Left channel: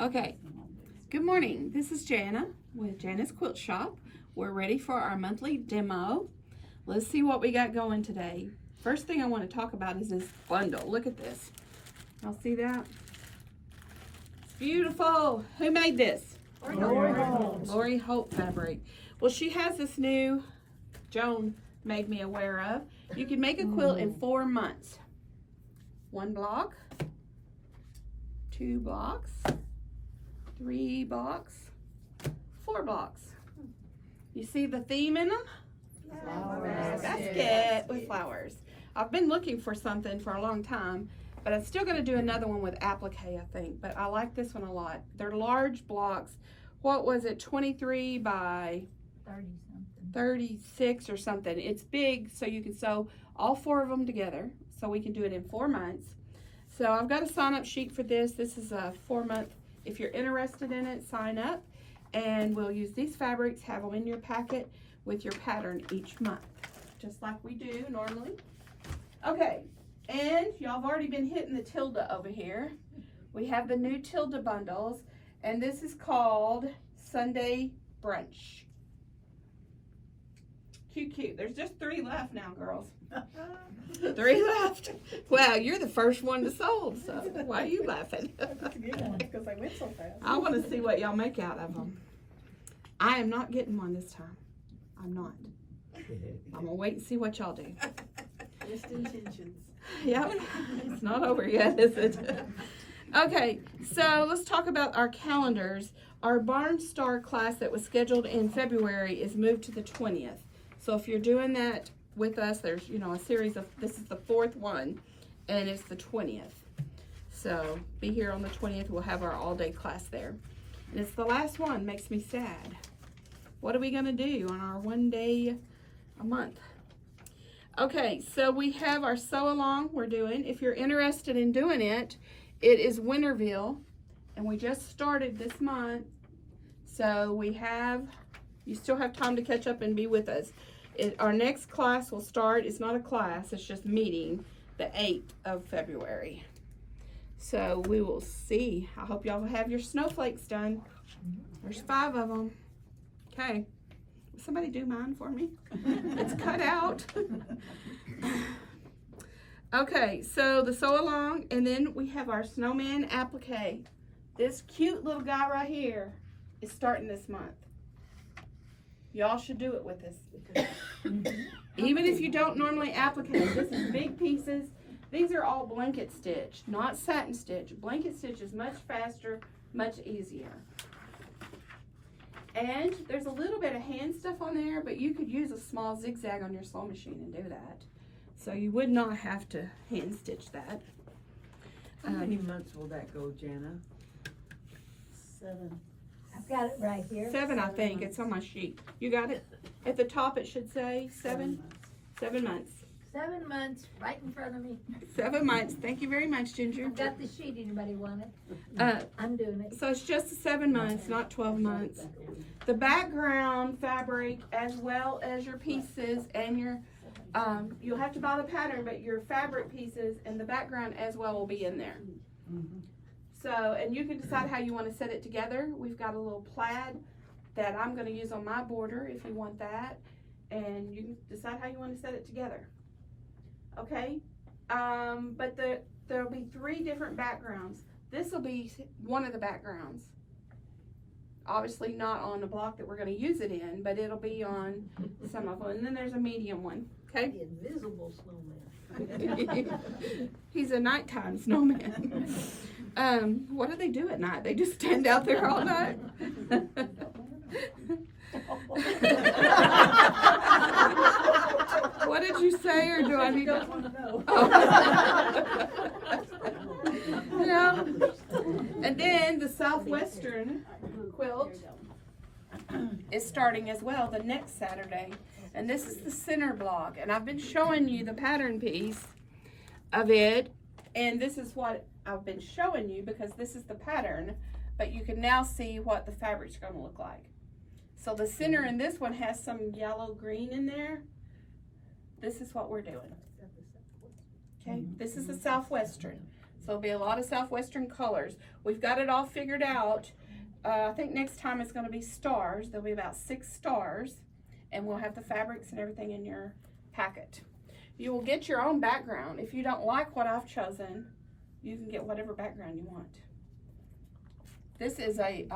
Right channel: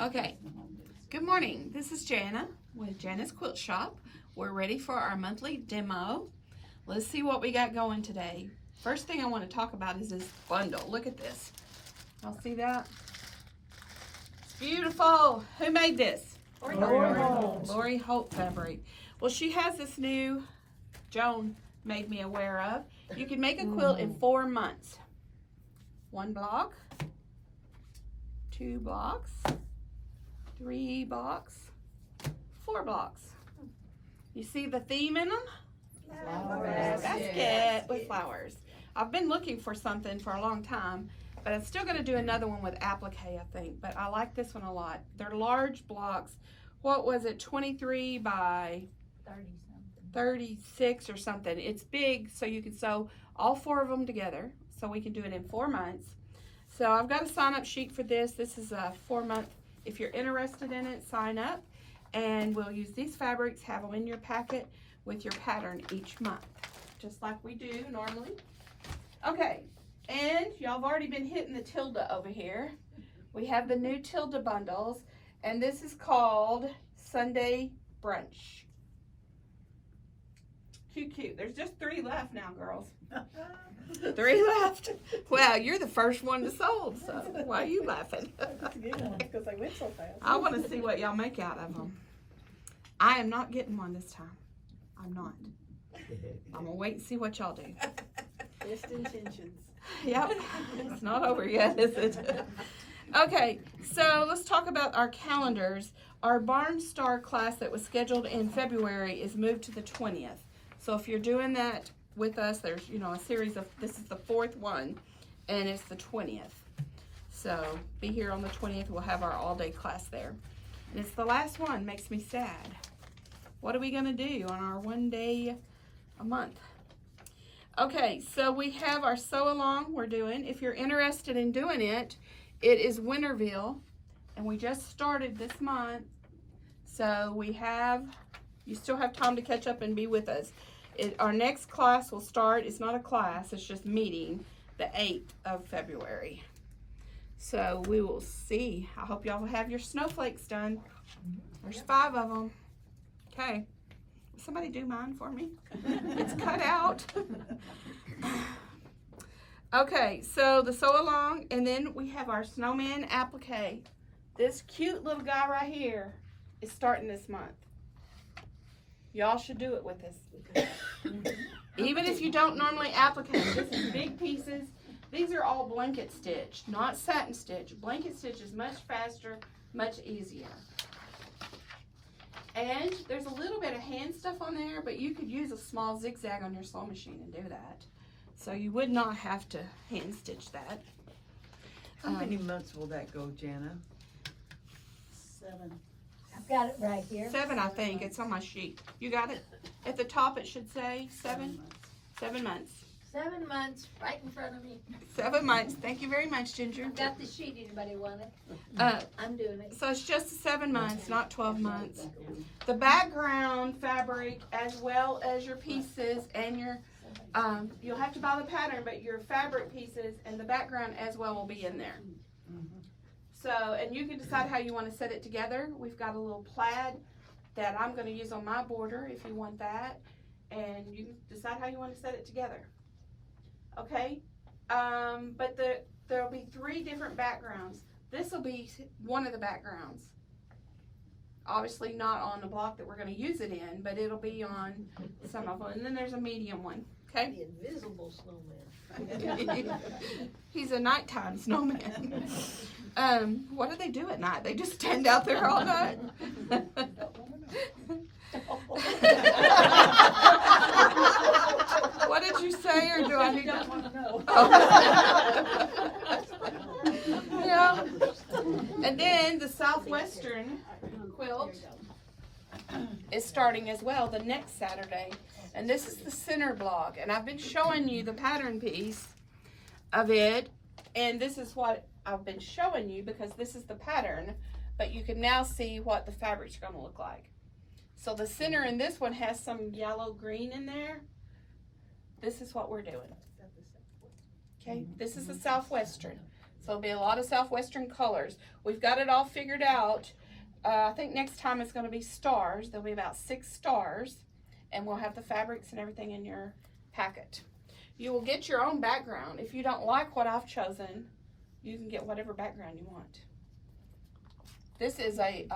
Okay, good morning. This is Jana with Jana's Quilt Shop. We're ready for our monthly demo. Let's see what we got going today. First thing I want to talk about is this bundle. Look at this. Y'all see that? It's beautiful. Who made this? Lori Holt Fabric. Well, she has this new, Joan made me aware of. You can make a quilt in 4 months. 1 block, 2 blocks, 3 blocks, 4 blocks. You see the theme in them? Basket with flowers. I've been looking for something for a long time, but I'm still going to do another one with applique, I think. But I like this one a lot. They're large blocks. What was it? 23 by 36 or something. It's big, so you can sew all 4 of them together. So we can do it in 4 months. So I've got a sign-up sheet for this. This is a 4-month. If you're interested in it, sign up. And we'll use these fabrics, have them in your packet with your pattern each month, just like we do normally. Okay, and y'all have already been hitting the Tilda over here. We have the new Tilda bundles, and this is called Sunday Brunch. Cute. There's just 3 left now, girls. 3 left. Well, you're the first one to sold, so why are you laughing? Because they went so fast. I want to see what y'all make out of them. I am not getting one this time. I'm not. I'm gonna wait and see what y'all do. Best intentions. Yep, it's not over yet, is it? Okay, so let's talk about our calendars. Our Barnstar class that was scheduled in February is moved to the 20th. So if you're doing that with us, there's, a series of, this is the 4th one, and it's the 20th. So be here on the 20th. We'll have our all-day class there. And it's the last one. Makes me sad. What are we going to do on our 1 day a month? Okay, so we have our sew along we're doing. If you're interested in doing it, it is Winterville, and we just started this month. So you still have time to catch up and be with us. Our next class will start, it's not a class, it's just meeting, the 8th of February. So we will see. I hope y'all will have your snowflakes done. There's 5 of them. Okay. Will somebody do mine for me? It's cut out. Okay, so the sew along, and then we have our snowman applique. This cute little guy right here is starting this month. Y'all should do it with us. Even if you don't normally applique, this is big pieces. These are all blanket stitch, not satin stitch. Blanket stitch is much faster, much easier. And there's a little bit of hand stuff on there, but you could use a small zigzag on your sewing machine and do that. So you would not have to hand stitch that. How many months will that go, Jana? 7. I've got it right here. 7, I think. It's on my sheet. You got it? At the top it should say 7. 7 months. 7 months, right in front of me. 7 months. Thank you very much, Ginger. I've got the sheet. Anybody want it? I'm doing it. So it's just 7 months, not 12 months. The background fabric, as well as your pieces and your, you'll have to buy the pattern, but your fabric pieces and the background as well will be in there. So, and you can decide how you want to set it together. We've got a little plaid that I'm going to use on my border if you want that. And you can decide how you want to set it together. Okay? But there'll be 3 different backgrounds. This will be one of the backgrounds. Obviously not on the block that we're going to use it in, but it'll be on some of them. And then there's a medium one. Okay? The invisible snowman. He's a nighttime snowman. What do they do at night? They just stand out there all night. What did you say, or do I need to? Oh. Yeah. And then the Southwestern quilt is starting as well the next Saturday. And this is the center block. And I've been showing you the pattern piece of it. And this is what I've been showing you because this is the pattern. But you can now see what the fabric's going to look like. So the center in this one has some yellow green in there. This is what we're doing. Okay, this is the Southwestern. So it'll be a lot of Southwestern colors. We've got it all figured out. I think next time it's going to be stars. There'll be about 6 stars, and we'll have the fabrics and everything in your packet. You will get your own background. If you don't like what I've chosen, you can get whatever background you want. This is a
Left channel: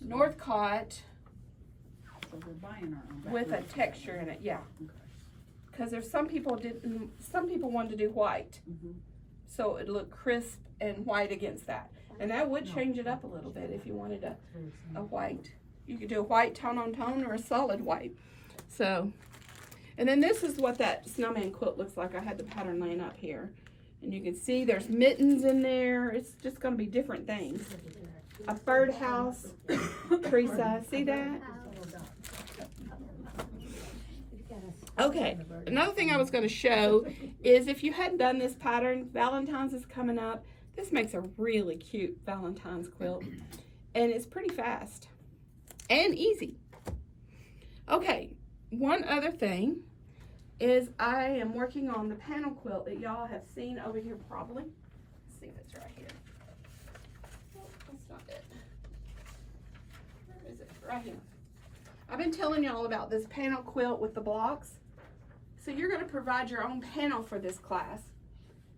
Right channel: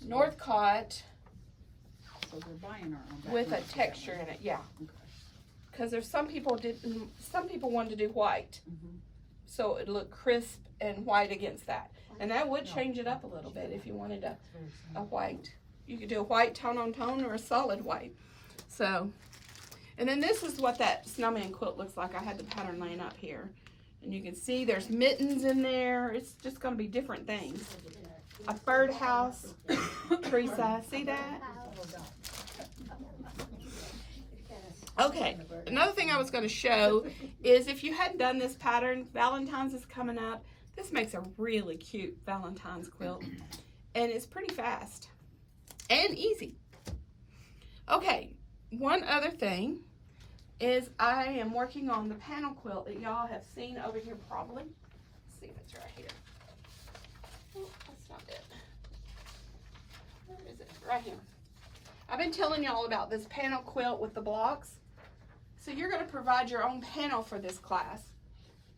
Northcott So we're buying our own. with a texture in it, yeah. Because there's some people wanted to do white, Mhm. so it looked crisp and white against that. And that would change it up a little bit if you wanted a white. You could do a white tone on tone or a solid white. So, and then this is what that snowman quilt looks like. I had the pattern laying up here. And you can see there's mittens in there. It's just going to be different things. A birdhouse, Teresa, see that? Okay, another thing I was going to show is if you hadn't done this pattern, Valentine's is coming up. This makes a really cute Valentine's quilt, and it's pretty fast and easy. Okay, one other thing is I am working on the panel quilt that y'all have seen over here probably. Let's see if it's right here. Oh, that's not it. Where is it? Right here. I've been telling y'all about this panel quilt with the blocks. So you're going to provide your own panel for this class.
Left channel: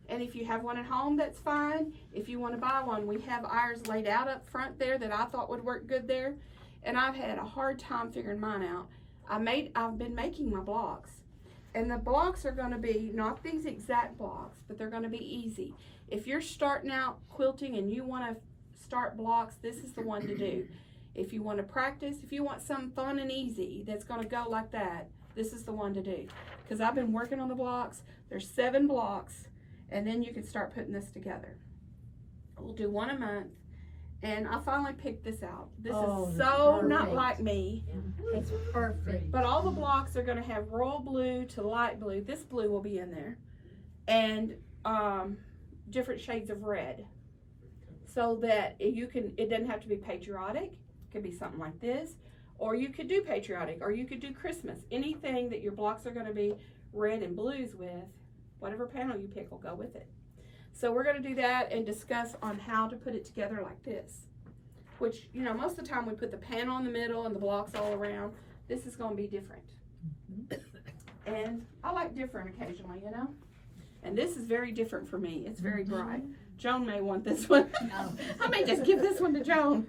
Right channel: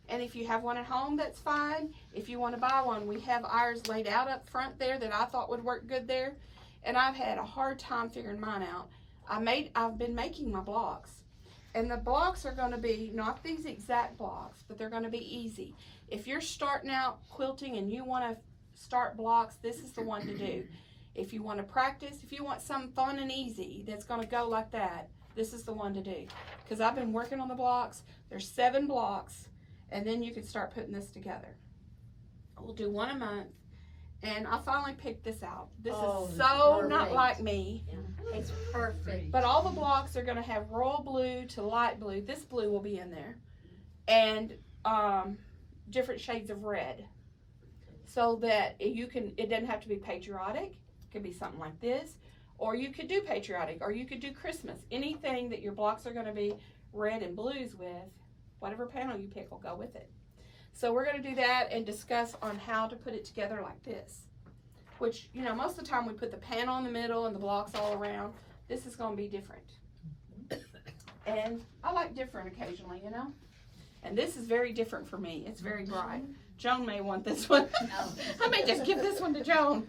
And if you have one at home, that's fine. If you want to buy one, we have ours laid out up front there that I thought would work good there. And I've had a hard time figuring mine out. I've been making my blocks. And the blocks are going to be not these exact blocks, but they're going to be easy. If you're starting out quilting and you want to start blocks, this is the one to do. If you want to practice, if you want something fun and easy that's going to go like that, this is the one to do. Because I've been working on the blocks. There's 7 blocks, and then you can start putting this together. We'll do 1 a month, and I finally picked this out. This is so not perfect. like me. It's perfect. But all the blocks are going to have royal blue to light blue. This blue will be in there. And different shades of red. So that it doesn't have to be patriotic. It could be something like this. Or you could do patriotic. Or you could do Christmas. Anything that your blocks are going to be red and blues with, whatever panel you pick will go with it. So we're going to do that and discuss on how to put it together like this. Which, you know, most of the time we put the panel in the middle and the blocks all around. This is going to be different. And I like different occasionally, you know. And this is very different for me. It's very bright. Joan may want this one. I may just give this one to Joan.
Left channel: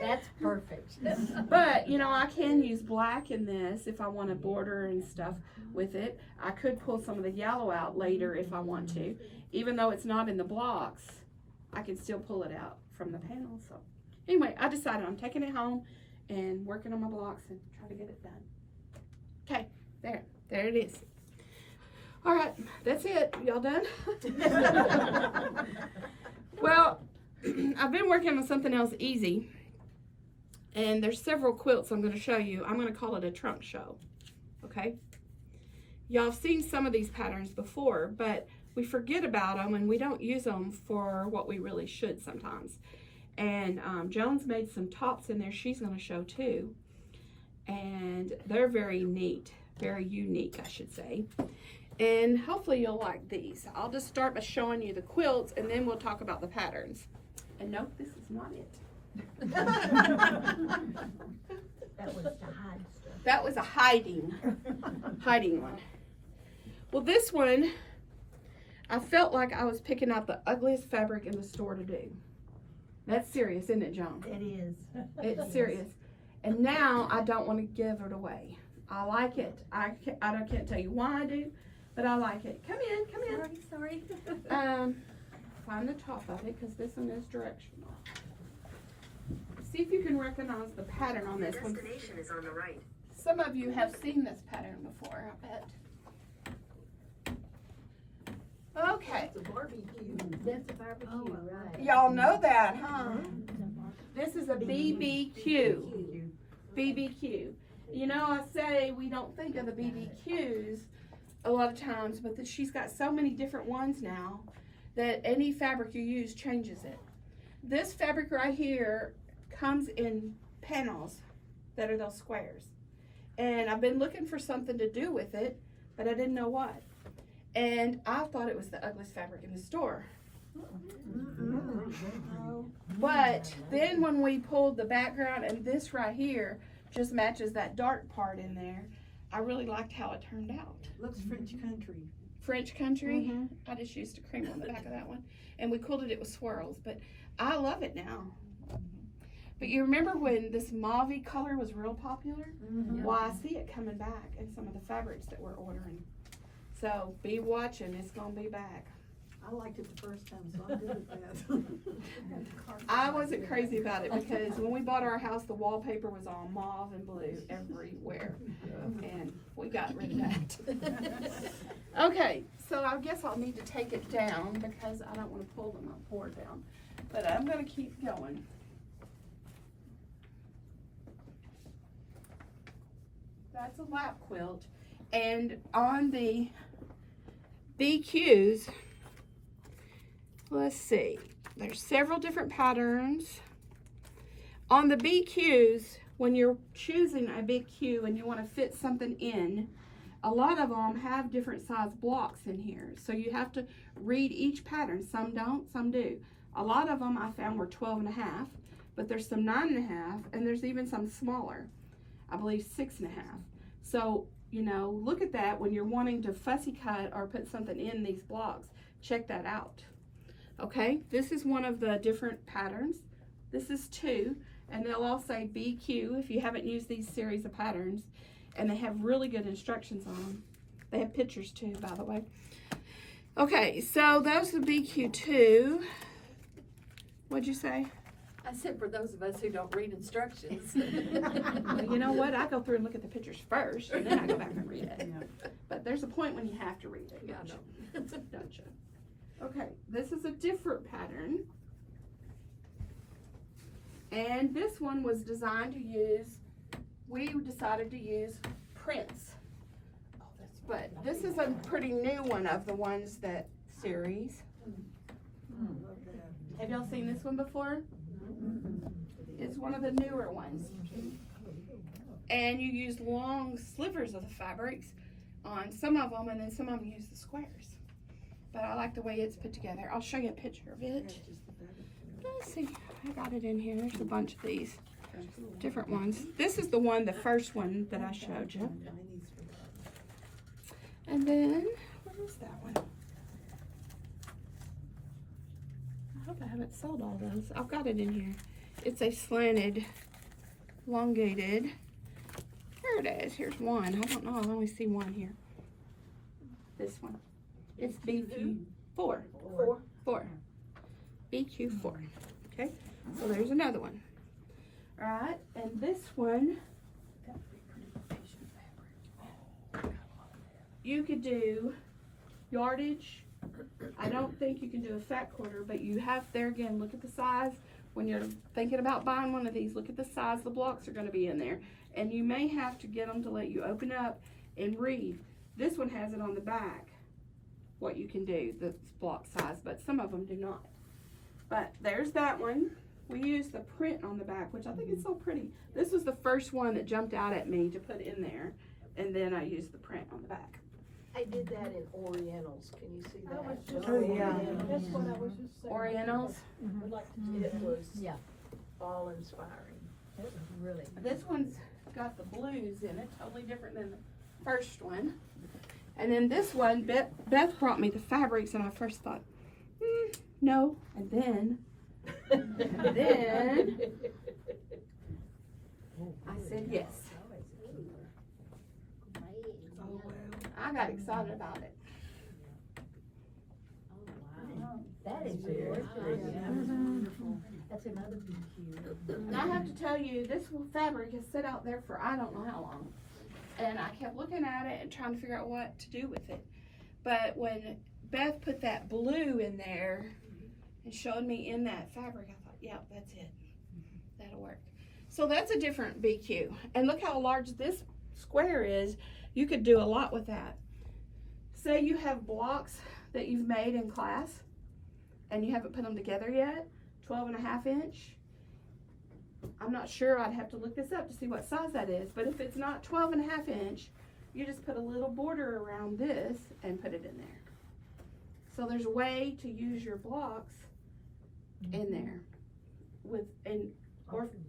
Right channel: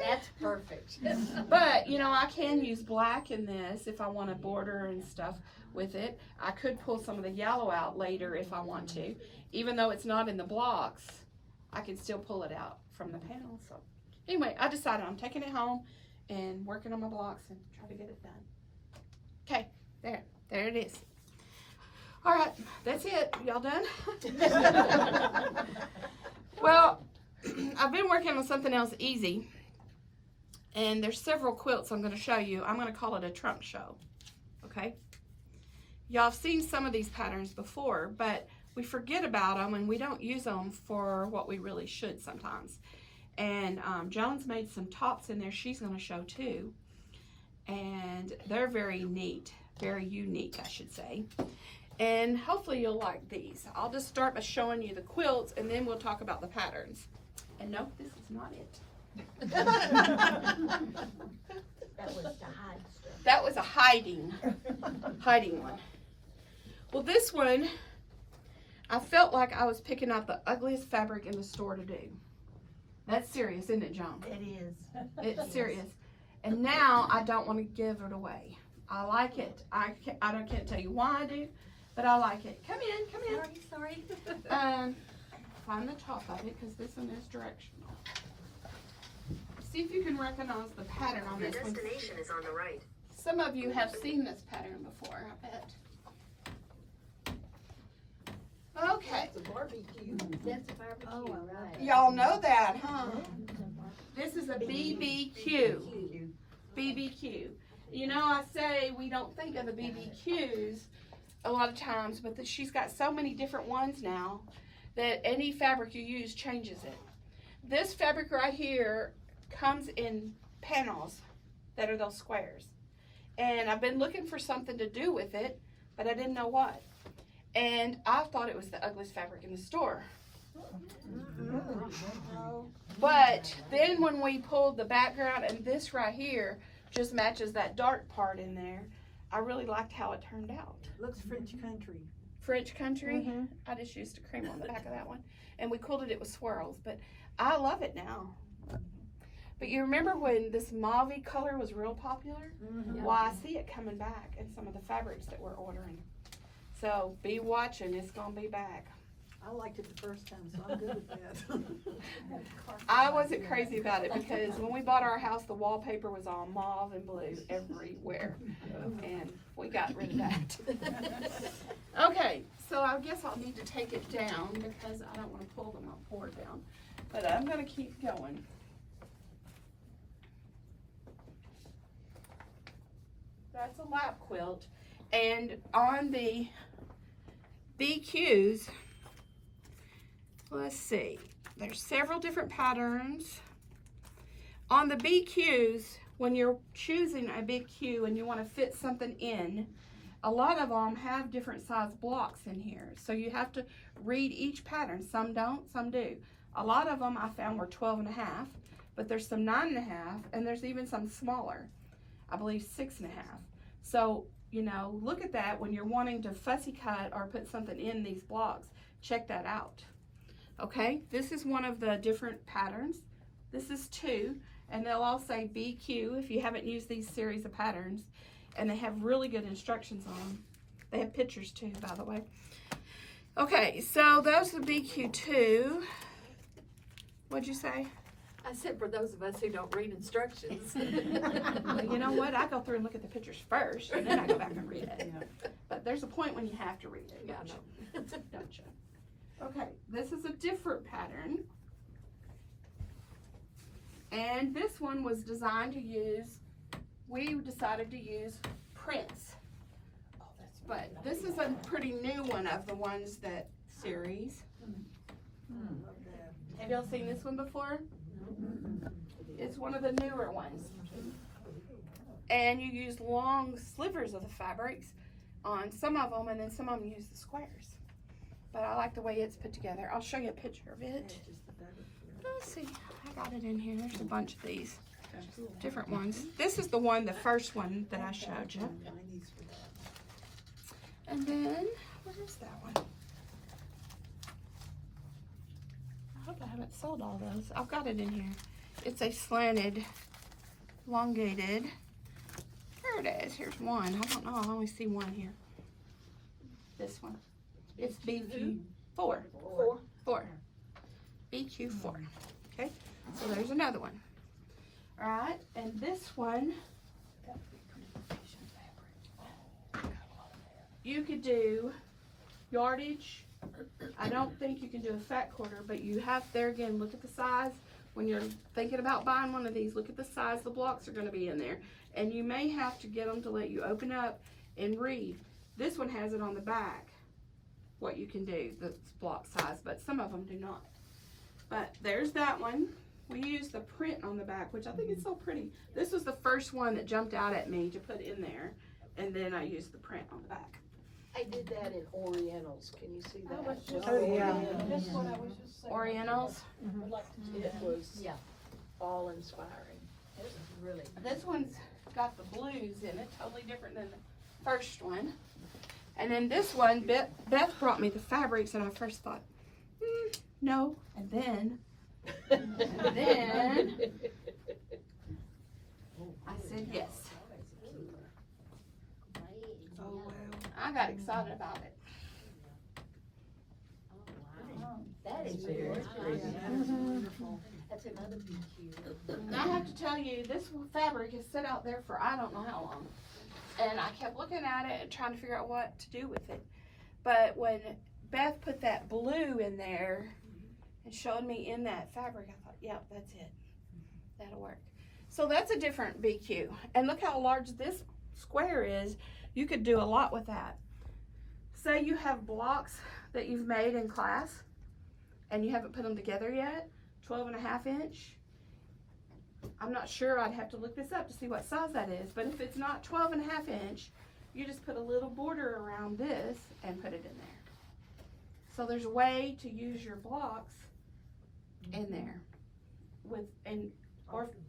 That's perfect. But, you know, I can use black in this if I want to border and stuff with it. I could pull some of the yellow out later if I want to. Even though it's not in the blocks, I can still pull it out from the panel. So anyway, I decided I'm taking it home and working on my blocks and try to get it done. Okay, there it is. All right, that's it. Y'all done? Well, I've been working on something else easy, and there's several quilts I'm going to show you. I'm going to call it a trunk show, okay? Y'all have seen some of these patterns before, but we forget about them and we don't use them for what we really should sometimes. And Joan's made some tops in there she's going to show too, and they're very neat, very unique, I should say. And hopefully you'll like these. I'll just start by showing you the quilts and then we'll talk about the patterns. And nope, this is not it. That was the hide stuff. That was a hiding one. Well, this one, I felt like I was picking out the ugliest fabric in the store to do. That's serious, isn't it, Joan? It is. It's serious. And now I don't want to give it away. I like it. I can't tell you why I do, but I like it. Come in. Sorry. Find the top of it because this one is directional. See if you can recognize the pattern on this one. Destination is on the right. Some of you have seen this pattern before, I bet. Okay, It's a barbecue. That's a barbecue, right. y'all know that, huh? This is a BBQ. BBQ. You know, I say we don't think of the BBQs a lot of times, but she's got so many different ones now that any fabric you use changes it. This fabric right here comes in panels that are those squares. And I've been looking for something to do with it, but I didn't know what. And I thought it was the ugliest fabric in the store. But then when we pulled the background, and this right here just matches that dark part in there, I really liked how it turned out. Looks French country. French country. I just used a cream on the back of that one, and we quilted it with swirls. But I love it now. But you remember when this mauve color was real popular? Well, I see it coming back in some of the fabrics that we're ordering. So be watching, it's gonna be back. I liked it the first time, so I'm good with that. I wasn't crazy about it because when we bought our house, the wallpaper was all mauve and blue everywhere. And we got rid of that. Okay, so I guess I'll need to take it down because I don't want to pull my board down. But I'm going to keep going. That's a lap quilt. And on the BQs, let's see, there's several different patterns. On the BQs, when you're choosing a BQ and you want to fit something in, a lot of them have different size blocks in here. So you have to read each pattern. Some don't, some do. A lot of them I found were 12.5, but there's some 9.5, and there's even some smaller. I believe 6.5. So, you know, look at that when you're wanting to fussy cut or put something in these blocks. Check that out. Okay, this is one of the different patterns. This is 2, and they'll all say BQ if you haven't used these series of patterns, and they have really good instructions on them. They have pictures too, by the way. Okay, so those are BQ2. What'd you say? I said for those of us who don't read instructions. Well, you know what? I go through and look at the pictures first, and then I go back and read it. But there's a point when you have to read it. Yeah, I know. Don't you? Okay, this is a different pattern. And this one was designed to use, we decided to use prints. But this is a pretty new one of the ones that series. Have y'all seen this one before? It's one of the newer ones. And you use long slivers of the fabrics on some of them, and then some of them use the squares. But I like the way it's put together. I'll show you a picture of it. Let's see, I got it in here. There's a bunch of these different ones. This is the one, the first one that I showed you. And then, where is that one? I hope I haven't sold all those. I've got it in here. It's a slanted, elongated. Here it is. Here's one. I don't know. I only see one here. This one. It's BQ4. Four. BQ4. Okay. So there's another one. All right. And this one, you could do yardage. I don't think you can do a fat quarter, but you have there again, look at the size. When you're thinking about buying one of these, look at the size the blocks are going to be in there. And you may have to get them to let you open up and read. This one has it on the back, what you can do, the block size, but some of them do not. But there's that one. We used the print on the back, which I think is so pretty. This was the first one that jumped out at me to put in there, and then I used the print on the back. I did that in Orientals. Can you see that? That's what I was just saying. Orientals. It was Yeah. all inspiring. Really. This one's got the blues in it, totally different than the first one. And then this one, Beth brought me the fabrics, and I first thought, no. And then I said yes. I got excited about it. That is gorgeous. That's another BQ. And I have to tell you, this fabric has sat out there for I don't know how long. And I kept looking at it and trying to figure out what to do with it. But when Beth put that blue in there and showed me in that fabric, I thought, yeah, that's it. That'll work. So that's a different BQ. And look how large this square is. You could do a lot with that. Say you have blocks that you've made in class and you haven't put them together yet, 12.5 inch. I'm not sure, I'd have to look this up to see what size that is, but if it's not 12.5 inch, you just put a little border around this and put it in there. So there's a way to use your blocks in there with an orphan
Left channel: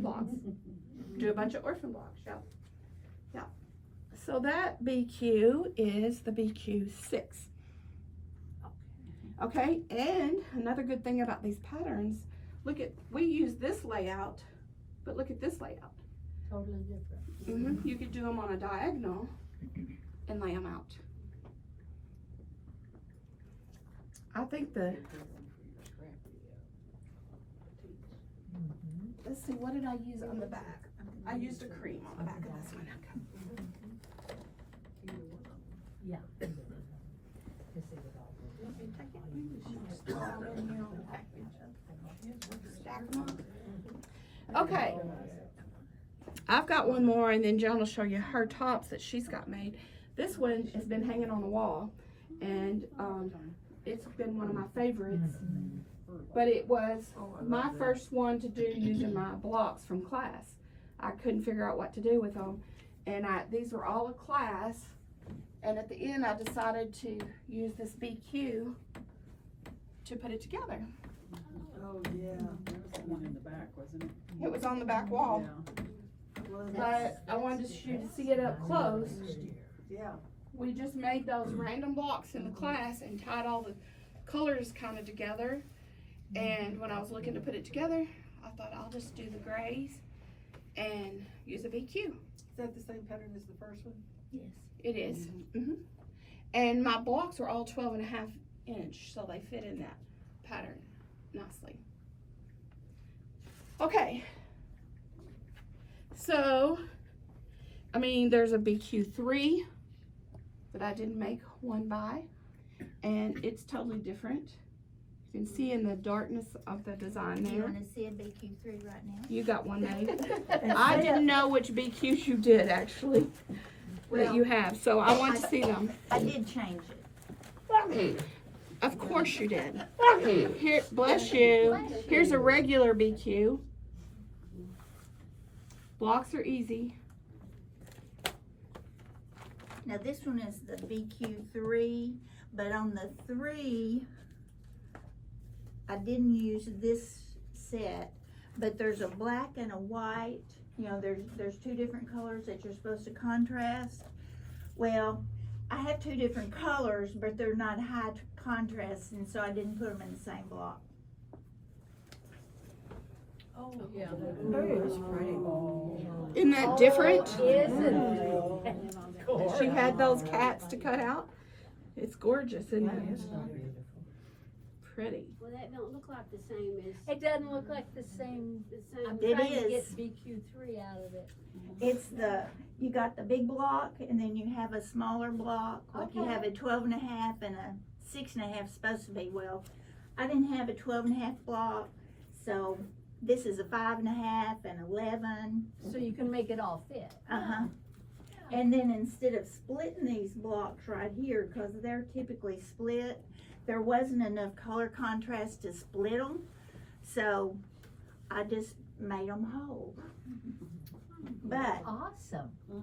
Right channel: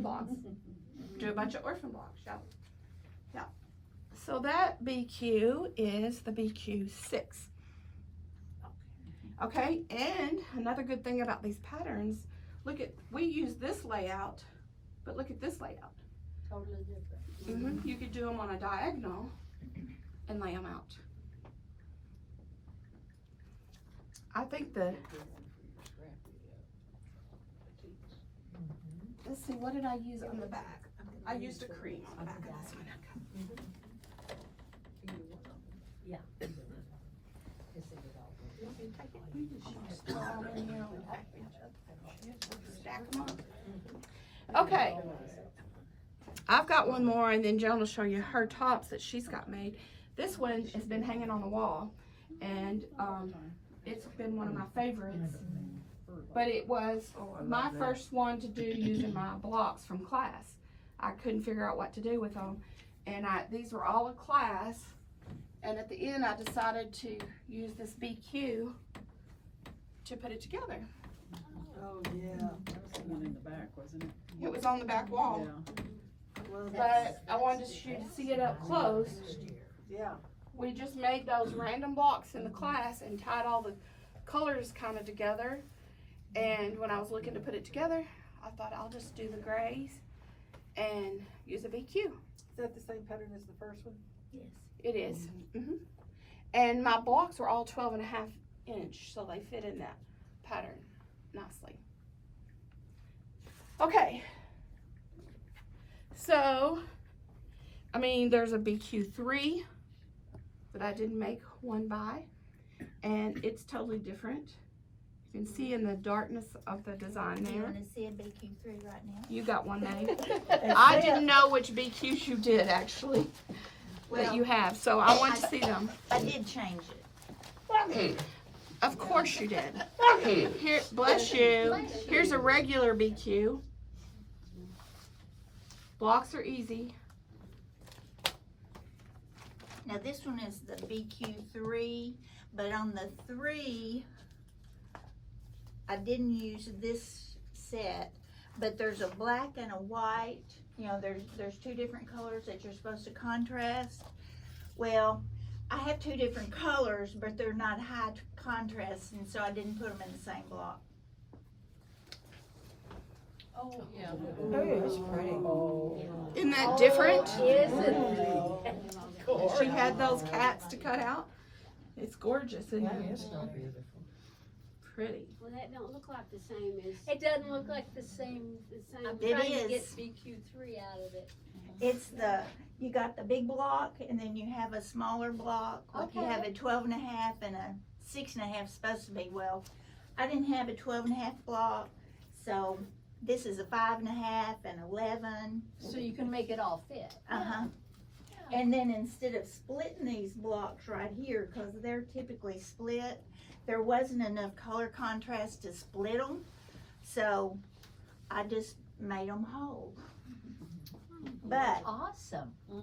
blocks. Do a bunch of orphan blocks, yeah. Yeah. So that BQ is the BQ6. Okay, and another good thing about these patterns, we use this layout, but look at this layout. Totally different. You could do them on a diagonal and lay them out. I think let's see, what did I use on the back? I used a cream on the back of this one. Yeah. Stack them up. Okay. I've got one more, and then Joan will show you her tops that she's got made. This one has been hanging on the wall, and it's been one of my favorites. But it was my first one to do using my blocks from class. I couldn't figure out what to do with them, and these were all a class. And at the end, I decided to use this BQ to put it together. Oh, yeah. That was the one in the back, wasn't it? It was on the back wall, but I wanted you to see it up close. Yeah. We just made those random blocks in the class and tied all the colors kind of together. And when I was looking to put it together, I thought I'll just do the grays and use a BQ. Is that the same pattern as the first one? Yes. It is. And my blocks were all 12.5 inch, so they fit in that pattern nicely. Okay. So, I mean, there's a BQ3 that I didn't make one by, and it's totally different. You can see in the darkness of the design You there. wanna see a BQ3 right now? You got one made. I didn't know which BQs you did actually, that you have, so I want to see them. I did change it. Of course you did. Here, bless you. Here's a regular BQ. Blocks are easy. Now this one is the BQ3, but on the 3, I didn't use this set, but there's a black and a white. You know, there's 2 different colors that you're supposed to contrast. Well, I have 2 different colors, but they're not high contrast, and so I didn't put them in the same block. Oh, yeah. That's pretty. Isn't that different? Yes. She had those cats to cut out. It's gorgeous, isn't it? Pretty. Well, that don't look like the same as. It doesn't look like the same. I'm It trying to is. get BQ3 out of it. It's you got the big block, and then you have a smaller block, like you Okay. have a 12.5 and a 6.5 supposed to be. Well, I didn't have a 12.5 block, so this is a 5.5 and 11. So you can make it all fit. And then instead of splitting these blocks right here, because they're typically split, there wasn't enough color contrast to split them, so I just made them whole. But Awesome. you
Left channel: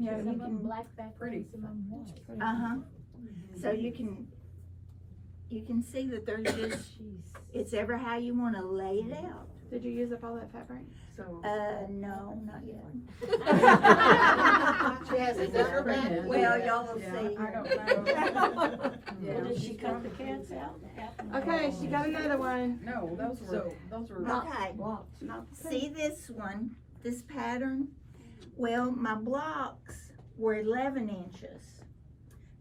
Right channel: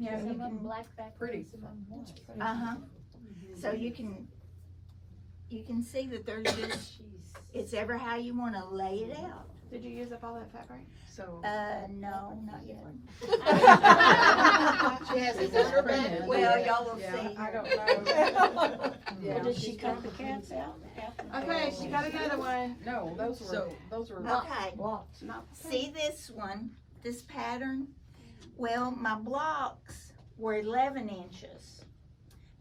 know, Some you of them can black back. Pretty. Some of them white. so you can see that there's just, it's ever how you want to lay it out. Did you use up all that fabric? So. No, not yet. She hasn't done her bed. Well, y'all will Yeah, see. I don't know. Yeah. Did she cut the cats out? Okay, she got another one. No, those were Okay, blocks. Not the same. see this one, this pattern? Well, my blocks were 11 inches.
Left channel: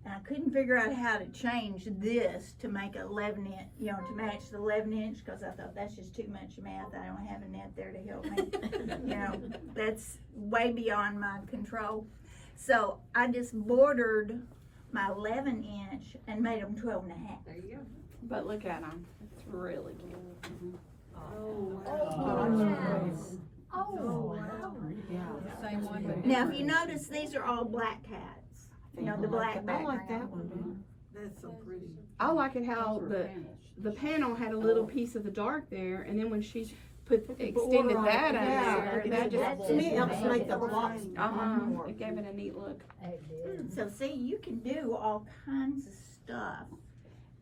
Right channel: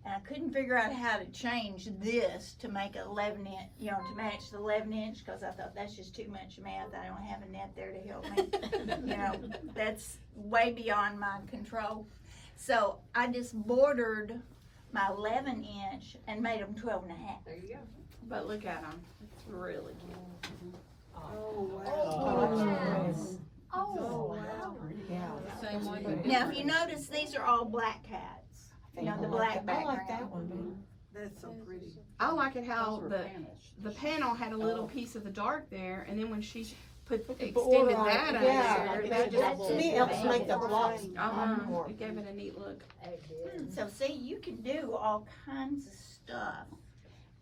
And I couldn't figure out how to change this to make 11 inch, you know, to match the 11 inch, because I thought that's just too much math. I don't have a net there to help me. You know, that's way beyond my control. So I just bordered my 11 inch and made them 12.5. There you go. But look at them. It's really cute. Oh, Oh, wow. Yeah. Same one. Now, if you notice, these are all black cats. You know, the black I like background. that one. That's so pretty. I like it how the panel had a little piece of the dark there, and then when she extended that out there, that just To me, it helps make the blocks. it gave it a neat look. So see, you can do all kinds of stuff.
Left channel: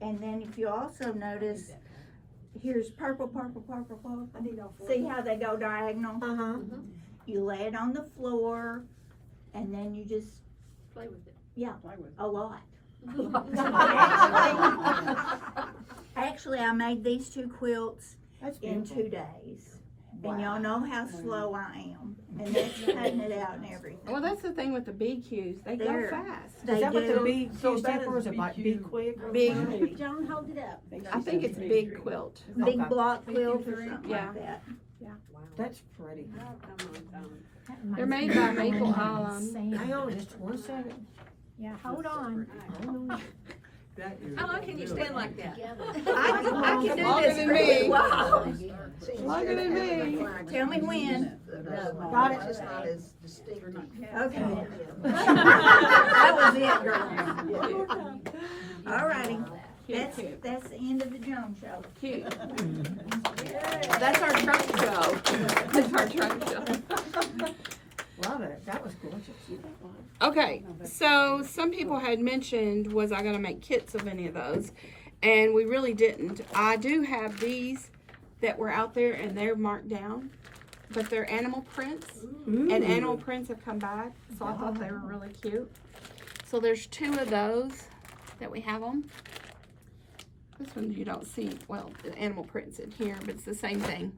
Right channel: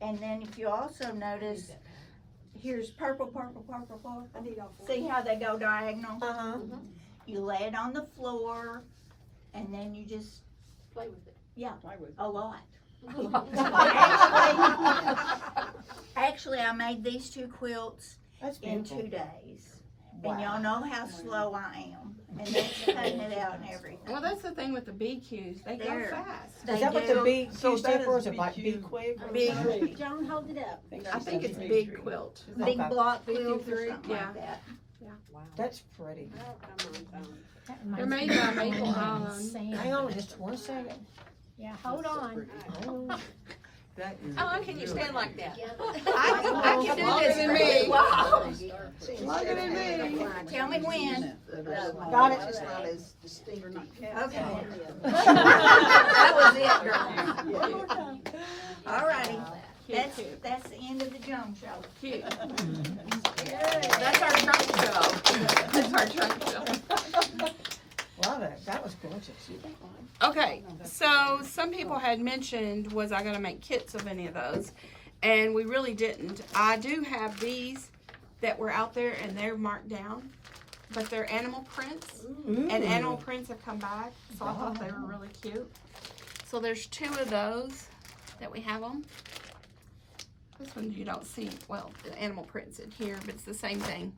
And then if you also notice, here's purple, purple, purple, purple. I need all four. See how they go diagonal? Uh-huh. You lay it on the floor, and then you just, Play with it. Play with. a lot. Actually, I made these 2 quilts That's in beautiful. 2 days. And y'all know how slow I am. And that's cutting it out and everything. Well, that's the thing with the BQs. They go They're- fast. They Is that what the do. big So Q stands that for? is Is it like BQ. big quick? Big. Joan, hold it up. I think it's big quilt. Big Okay. block quilt or 53. something Yeah. like that. That's pretty. They're made by Maple Island. Hang on just 1 second. Yeah, hold on. How long can you stand like that? I can do Longer this than really me. well. Longer than me. Tell me when. God, it's just not as distinct. Okay. That was it, girl. Alrighty. Cute, cute, That's the end of the Jones show. cute. That's our trunk show. That's our trunk show. Wow, that was gorgeous. Okay, so some people had mentioned, was I gonna make kits of any of those? And we really didn't. I do have these that were out there and they're marked down, but they're animal prints. And animal prints have come back, so I thought they were really cute. So there's 2 of those that we have them. This one you don't see, well, the animal prints in here, but it's the same thing,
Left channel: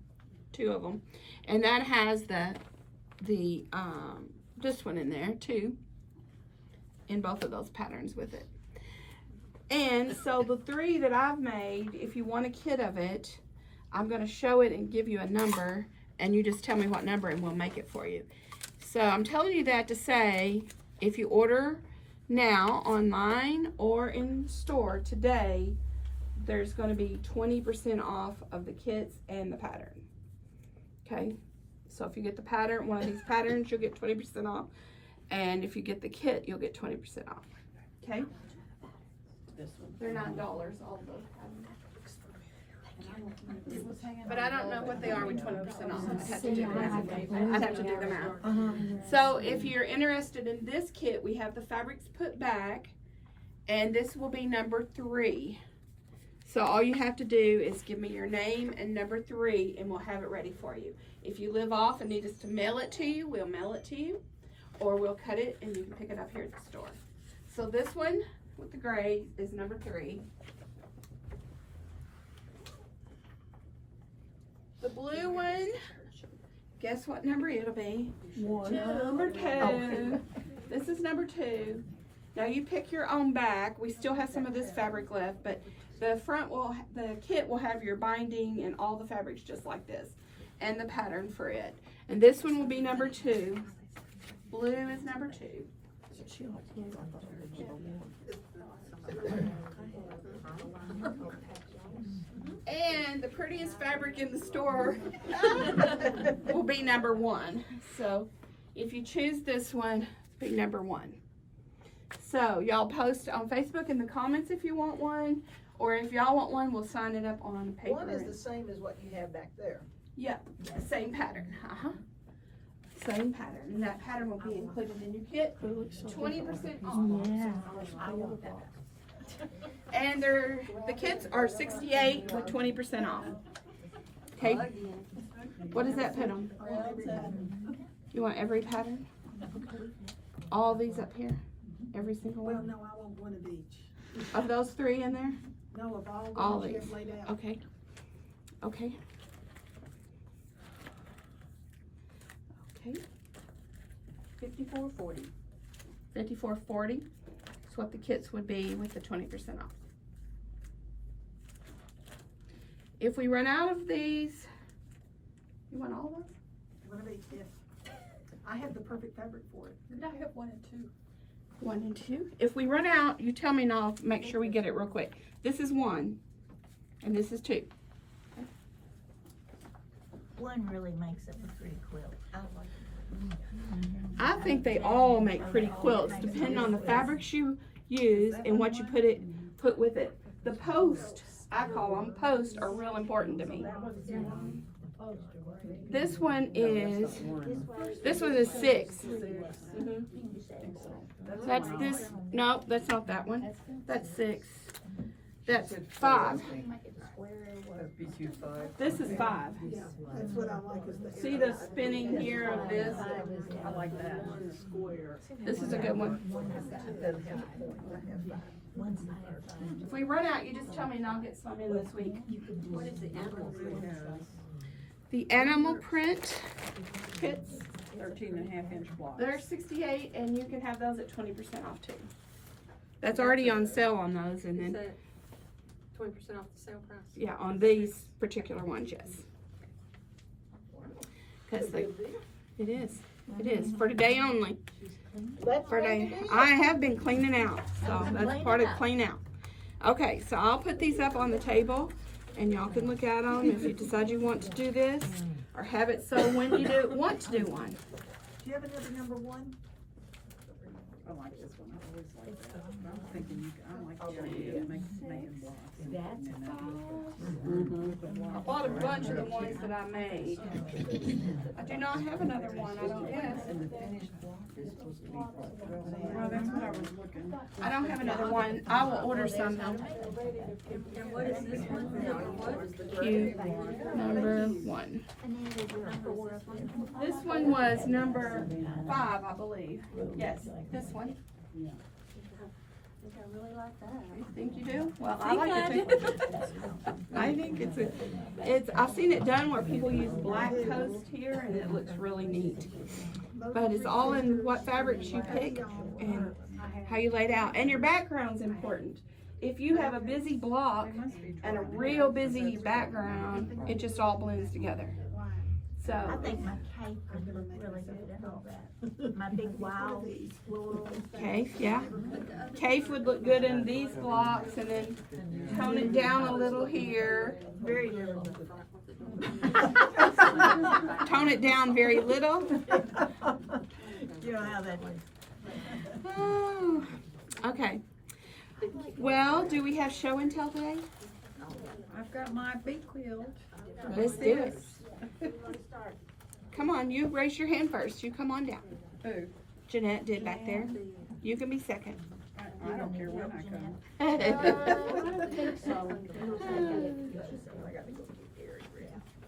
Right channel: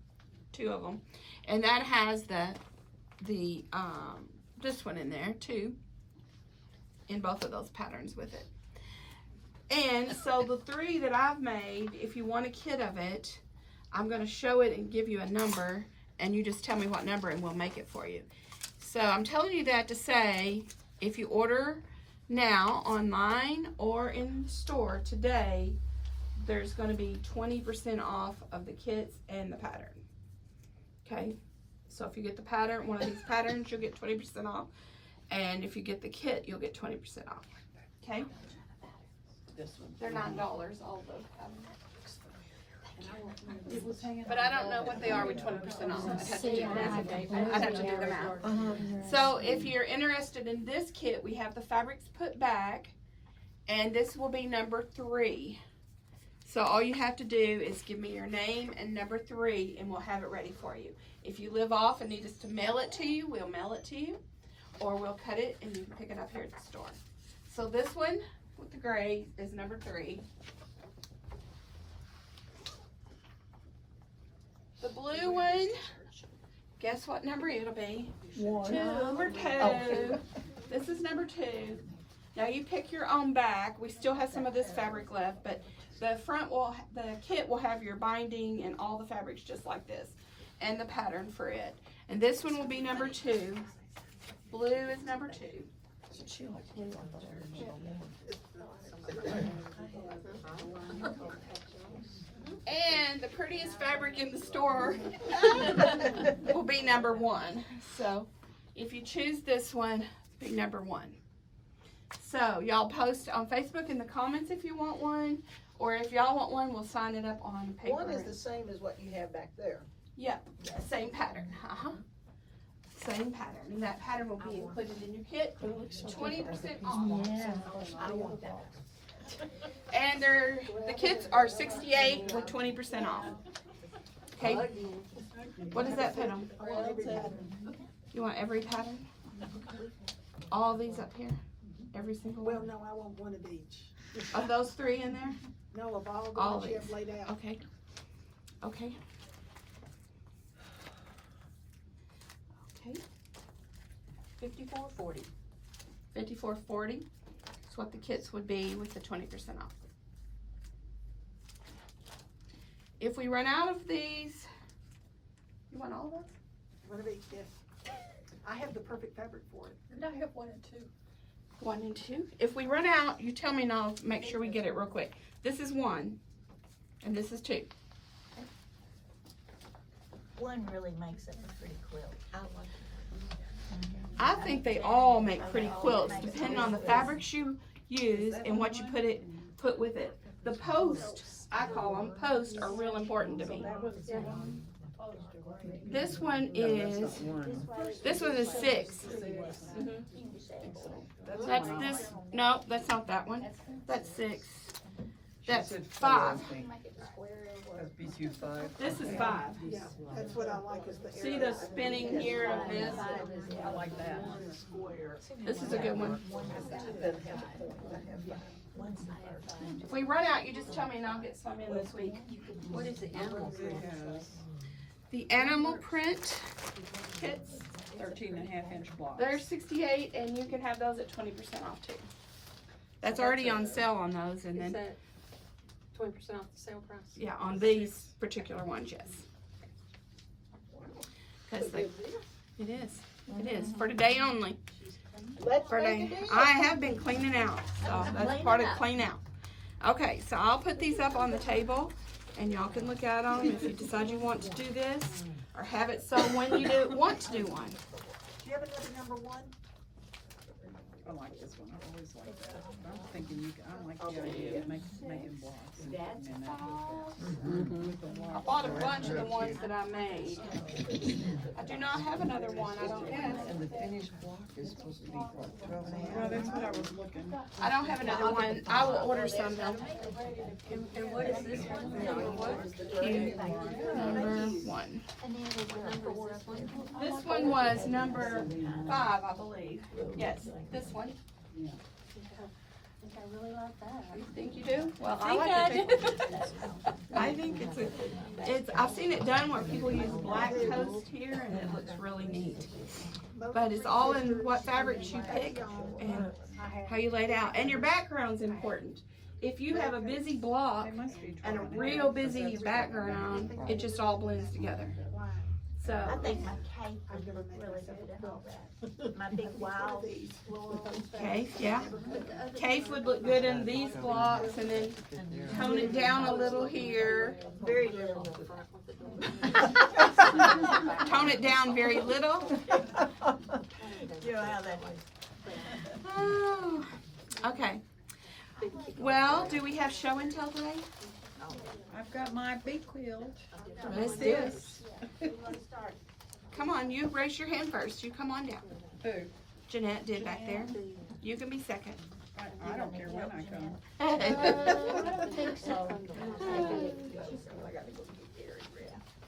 2 of them. And that has this one in there too, in both of those patterns with it. And so the 3 that I've made, if you want a kit of it, I'm gonna show it and give you a number, and you just tell me what number and we'll make it for you. So I'm telling you that to say, if you order now online or in store today, there's gonna be 20% off of the kits and the pattern. Okay, so if you get the pattern, one of these patterns, you'll get 20% off. And if you get the kit, you'll get 20% off. Okay? They're $9, all of those patterns. But I don't know what they are with 20% off. I'd have to do the math. So if you're interested in this kit, we have the fabrics put back, and this will be number 3. So all you have to do is give me your name and number 3, and we'll have it ready for you. If you live off and need us to mail it to you, we'll mail it to you, or we'll cut it and you can pick it up here at the store. So this one with the gray is number 3. The blue one, guess what number it'll be? Number 2. This is number 2. Now you pick your own back. We still have some of this fabric left, but the the kit will have your binding and all the fabrics just like this, and the pattern for it. And this one will be number 2. Blue is number 2. And the prettiest fabric in the store will be number 1. So if you choose this one, be number 1. So y'all post on Facebook in the comments if you want one, or if y'all want one, we'll sign it up on paper. One is the same as what you have back there. Yep, same pattern. Same pattern, and that pattern will be included in your kit. 20% off. And the kits are $68 with 20% off. Okay. What does that put them? You want every pattern? All these up here? Every single Well, one? no, I want one of each. Of those 3 in there? No, of all the All ones you these. have laid out. Okay. Okay. Okay. $54.40. $54.40 is what the kits would be with the 20% off. If we run out of these, you want all of those? One of each, yeah. I have the perfect fabric for it. I have 1 and 2. 1 and 2. If we run out, you tell me and I'll make sure we get it real quick. This is 1, and this is 2. One really makes it a pretty quilt. I think they all make pretty quilts, depending on the fabrics you use and what you put with it. The posts, I call them posts, are real important to me. This one is 6. That's this. No, that's not that one. That's 6. That's Said 5. That's BQ 5. This is 5. Yeah, that's what I like is the. See the spinning here of this? I like that. This is a good one. If we run out, you just tell me and I'll get some in this week. What is the animal? The animal print kits, 13.5-inch blocks. they're 68 and you can have those at 20% off too. That's already on sale on those and Is then, that 20% off the sale price? yeah, on these particular ones, yes. Cause they, it is, for today only. For today, I have been cleaning out, so that's part of clean out. Okay, so I'll put these up on the table and y'all can look at them if you decide you want to do this or have it so when you want to do one. Do you have another number 1? I like this one. I always like that. I'm thinking I like the idea of making blocks. I bought a bunch of the ones that I made. I do not have another one, I don't guess. And the finished block is supposed to be what? Well, that's what I was looking. I don't have another one. I will order some though. And what is this one? Number what? Q number 1. This one was number 5, I believe. Yes, this one. I really like that. You think you do? Well, I like it too. I think it's I've seen it done where people use black toast here and it looks really neat. But it's all in what fabrics you pick and how you lay it out. And your background's important. If you have a busy block and a real busy background, it just all blends together. So, I think my cape would look really good at all that. My big wild floral. Cape, yeah. Cape would look good in these blocks and then tone it down a little here. Very little. Tone it down very little. You know how that is. Oh, okay. Well, do we have show and tell today? I've got my bee quilt. Let's do it. Come on, you raise your hand first. You come on down. Who? Jeanette did back there. You can be second. I don't care when I come.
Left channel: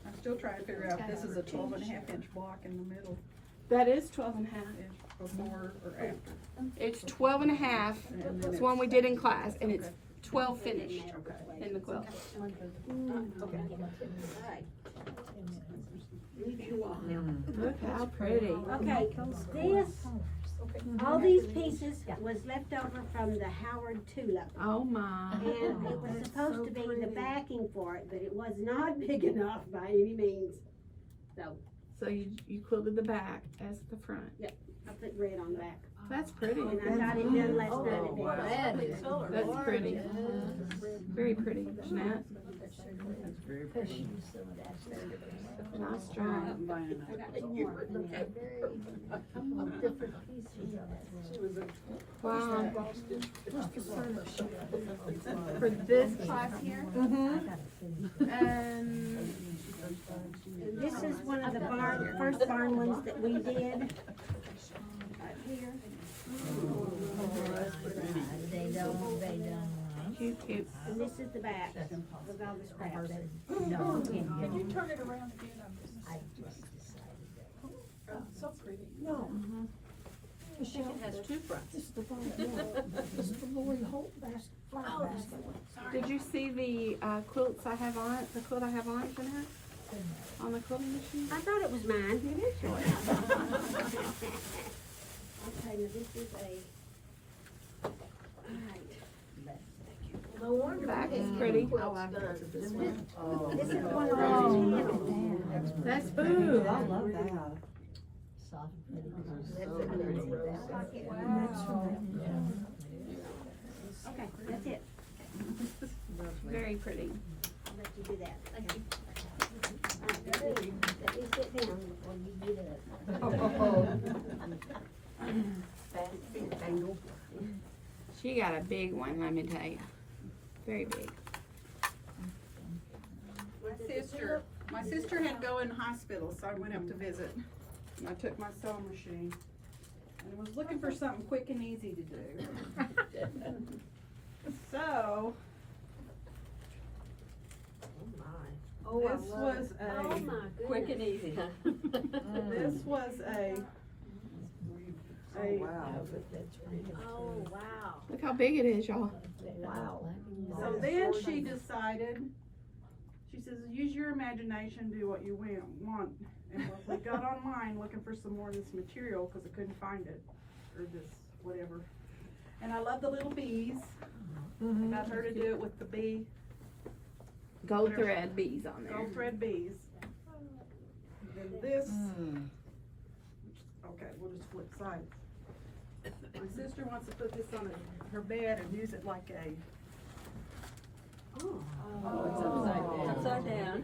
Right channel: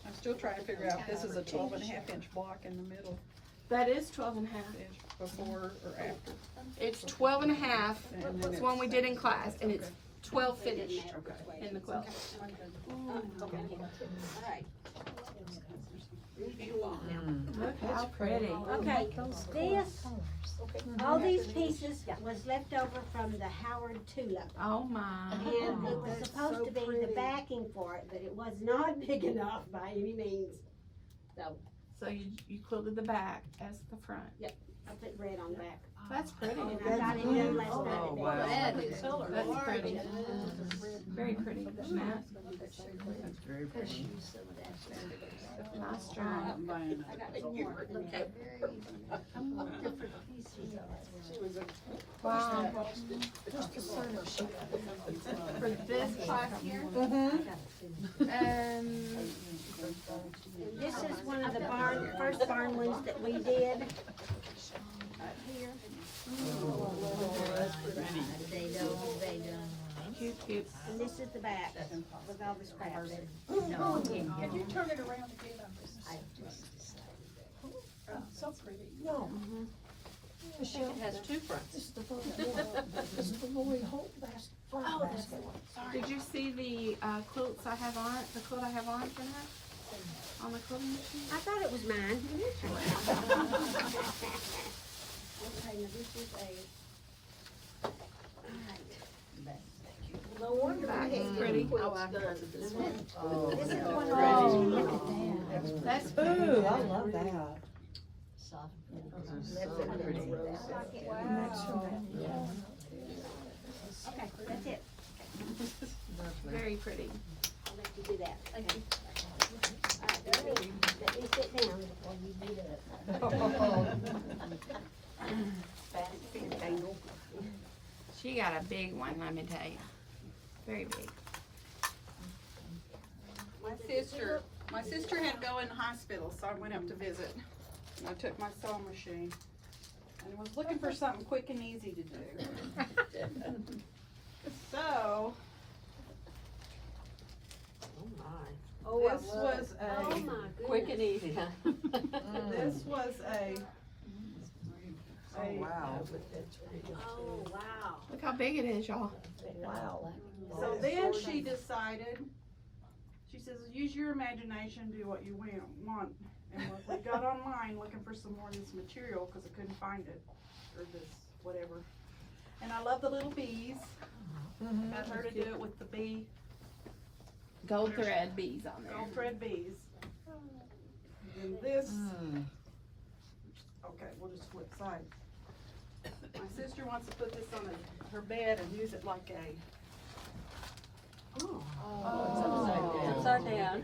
I'm still trying to figure out if this is a 12.5-inch block in the middle, That is 12 and a half. before or after. It's 12 and a half. It's one we did in class, and it's 12 finished in the quilt. Look how pretty. Okay, this, all these pieces was left over from the Howard Tulip. Oh my. And it was supposed to be the backing for it, but it was not big enough by any means. So, So you quilted the back as the front. I put red on the back. That's pretty. And I got it done last night at bed. That's pretty. Very pretty, Jeanette. Nice job. Wow. For this class here? This is one of the first barn ones that we did. Up here. Cute, cute. And this is the back with all the scraps. Can you turn it around again? So pretty. No. It has two fronts. It's the Lori Holt basket. Did you see the quilts I have on, the quilt I have on, Jeanette? On the quilting machine? I thought it was mine. It is yours. Okay, now this is a, alright. Back is pretty. This is one of those. That's Ooh, I love that. Okay, that's it. very pretty. I'll let you do that. Thank you. Alright, let me sit down before you do it. She got a big one, let me tell you. Very big. My sister had to go in the hospital, so I went up to visit. And I took my sewing machine and was looking for something quick and easy to do. So, This was Oh, a, my goodness. Quick and easy, huh? this was a, Oh, wow. Look how big it is, y'all. Wow. so then she decided, she says, use your imagination, do what you want. And we got online looking for some more of this material, cause I couldn't find it, or this, whatever. And I love the little bees. Got her to do it with the bee, Gold thread bees on there. gold thread bees. And this, okay, we'll just flip sides. My sister wants to put this on her bed and use it like a, Upside down.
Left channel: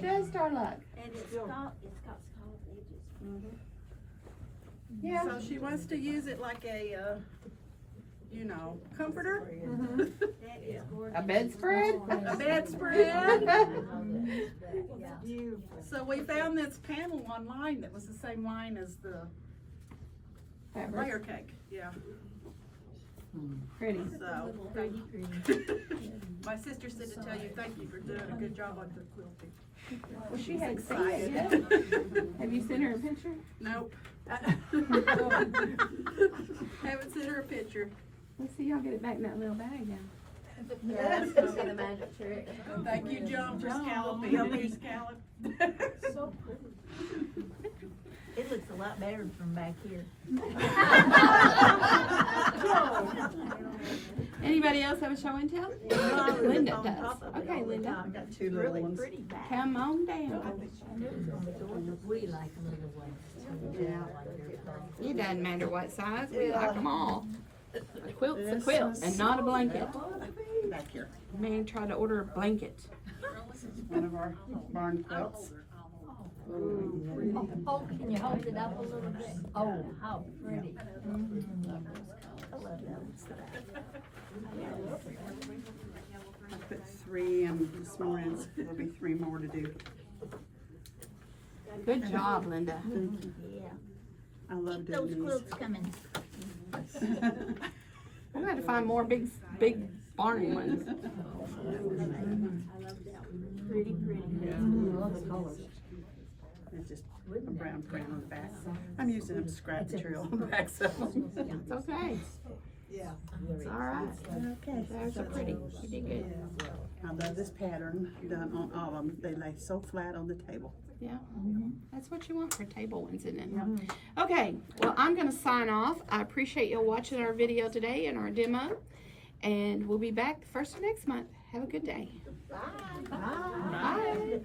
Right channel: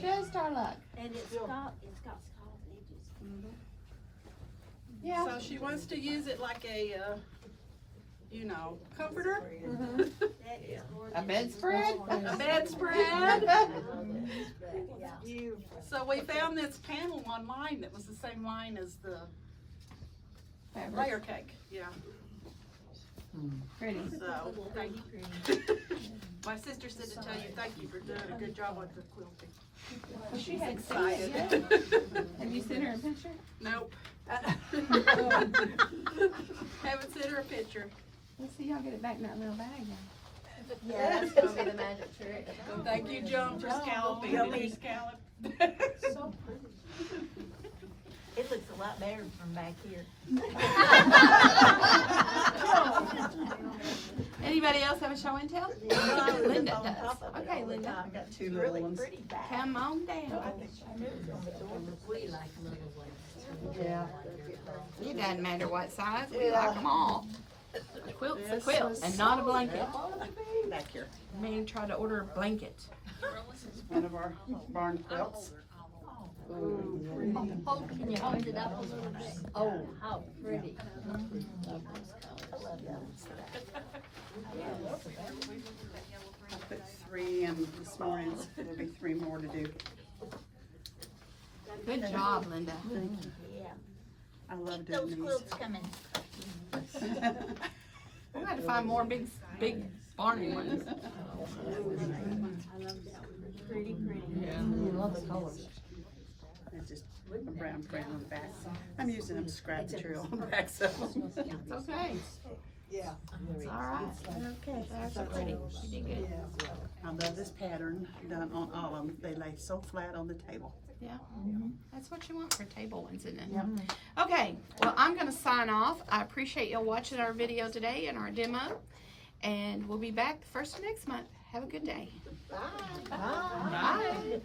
Just our luck. And it's got scalloped edges. Yeah. so she wants to use it like a, comforter. That is gorgeous. A bedspread? A bedspread. So we found this panel online that was the same line as the Fabric. layer cake, yeah, Pretty. so. My sister said to tell you, thank you for doing a good job with the quilting. Well, she hadn't seen it yet. Have you sent her a picture? Nope. Haven't sent her a picture. Let's see y'all get it back in that little bag now. Yeah, that's gonna be the magic trick. Thank you, John, for scalloping. Did you scallop? It looks a lot better from back here. Anybody else have a show and tell? Linda does. Okay, Linda. I got two little ones. Come on down. We like them little ones. Yeah. It doesn't matter what size, we like them all. A quilt's a quilt and not a blanket. Back here. Man tried to order a blanket. One of our barn quilts. Oh, can you hold it up a little bit? Oh, how pretty. I put 3 in this morning, so there'll be 3 more to do. Good job, Linda. Yeah. I love Keep doing those these. quilts coming. We gotta find more big barn ones. Pretty. It's just a brown print on the back. I'm using them scrap material on the backs of them. It's okay. It's all right. Okay. Those are pretty. You did good. I love this pattern done on all of them. They lay so flat on the table. Yeah, that's what you want for table ones, isn't it? Okay, well, I'm gonna sign off. I appreciate y'all watching our video today and our demo. And we'll be back the first of next month. Have a good day. Bye.